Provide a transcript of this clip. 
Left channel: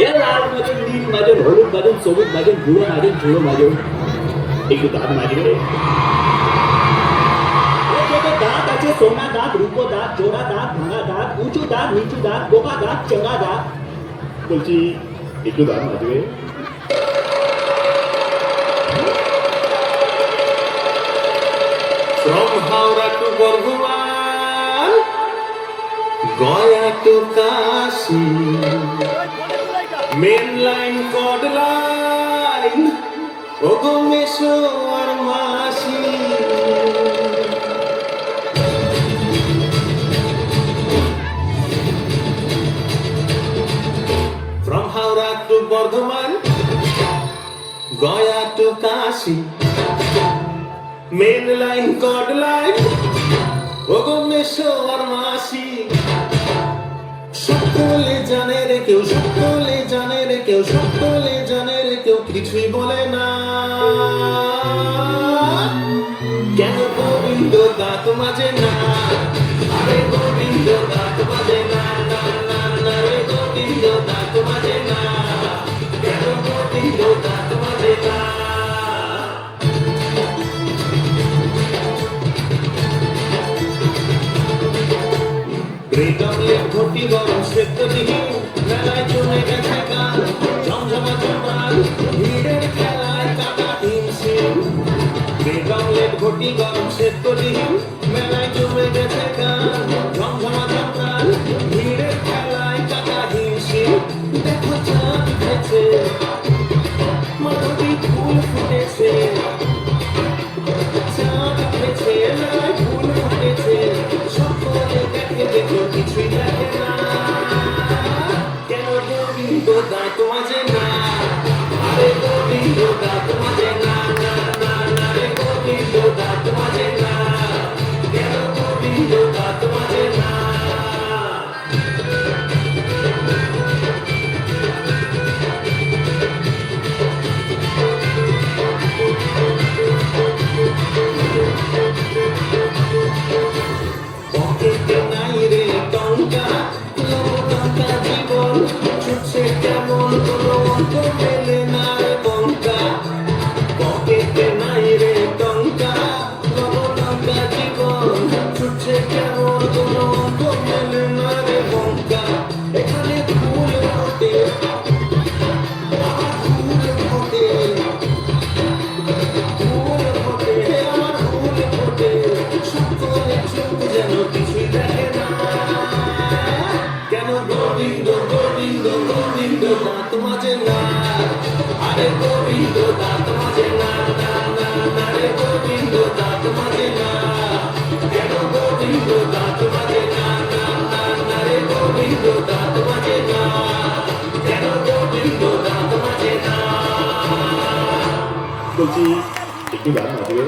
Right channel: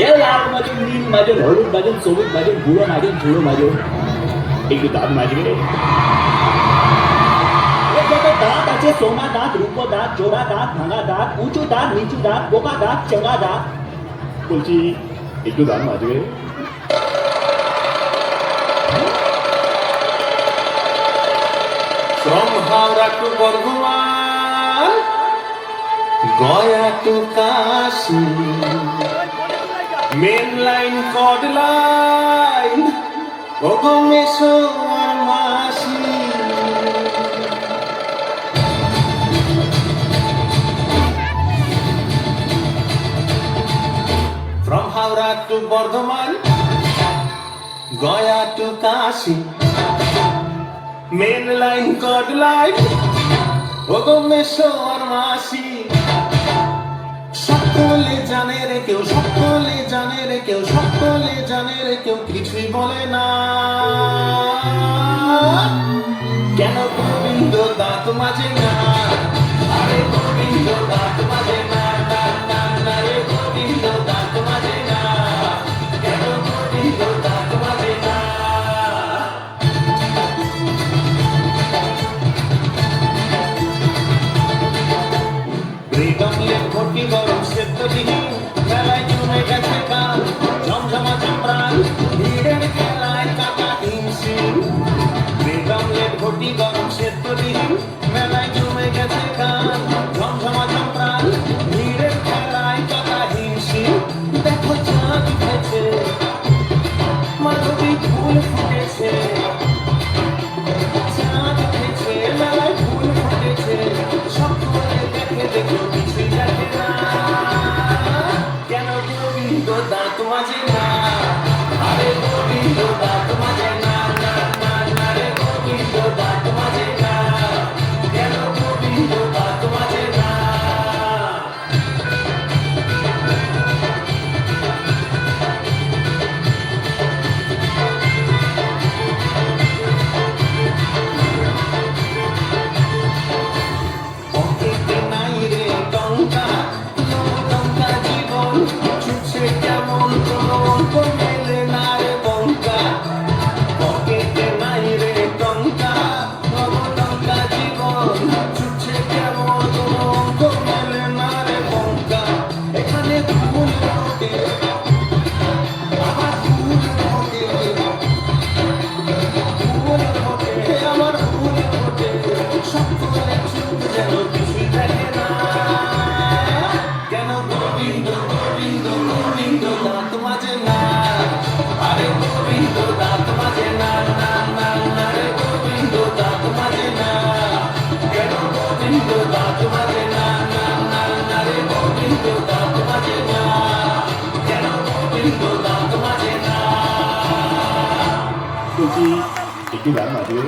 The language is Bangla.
এ লাল মাজন, নীল মাজন, হলুদ মাজন, সবুজ মাজন, বুড়ো মাজন, ঝুড়ো মাজন, একটু দাঁত মাজবে। দাঁত আছে সোনা দাঁত, রূপো দাঁত, জোড়া দাঁত, ভাঙা দাঁত, উঁচু দাঁত, নিচু দাঁত, পোকা দাঁত, চোঙা দাঁত, বলছি একটু দাঁত মাজবে। From Howrah to Burdwan, Gaya to Kashi, main line, cod line, Ogomeshwar Masi. From Howrah to Burdwan, Gaya to Kashi. Main line, cod line, Ogomeshwar Masi. সকলে জানে রে কেউ, সকলে জানে রে কেউ, সকলে জানে রে কেউ, কিছুই বলে না। কেন গোবিন্দ দাঁত মাজে না? আরে গোবিন্দ দাঁত মাজে না, না, না, না রে গোবিন্দ দাঁত মাজে না। কেন গোবিন্দ দাঁত মাজে না? রেডমলে ঘটি গরম সেদ্ধ দিহি, মেলায় জমে গেছে গান, ঝমঝমা চমড়ান, ভিড়ের খেলায় কাটা হিমশিম। রেডমলে ঘটি গরম সেদ্ধ দিহি, মেলায় জমে গেছে গান, ঝমঝমা চমড়ান, ভিড়ের খেলায় কাটা হিমশিম। দেখো চাঁদ উঠেছে, মাধবী ফুল ফুটেছে, চাঁদ উঠেছে, মেলায় ফুল ফুটেছে, সকলে দেখে দেখো কিছুই দেখে না। কেন গোবিন্দ দাঁত মাজে না? আরে গোবিন্দ দাঁত মাজে না, না, না, না রে গোবিন্দ দাঁত মাজে না। কেন গোবিন্দ দাঁত মাজে না? পকেটে নাই রে টঙ্কা, টঙ্কা জীবন ছুটছে কেমন, কোনো অঙ্ক মেলে না রে টঙ্কা। পকেটে নাই রে টঙ্কা, টঙ্কা জীবন ছুটছে কেমন, কোনো অঙ্ক মেলে না রে টঙ্কা। এখানে ফুল ফোটে, আমার ফুল ফোটে, ফুল ফোটে, আমার ফুল ফোটে, সকলে চুপ যেন কিছুই দেখে না। কেন গোবিন্দ গোবিন্দ গোবিন্দ দাঁত মাজে না? আরে গোবিন্দ দাঁত মাজে না, না, না, না রে গোবিন্দ দাঁত মাজে না। কেন গোবিন্দ দাঁত মাজে না, না, না, না রে গোবিন্দ দাঁত মাজে না। কেন গোবিন্দ দাঁত মাজে না? বলছি একটু দাঁত মাজবে।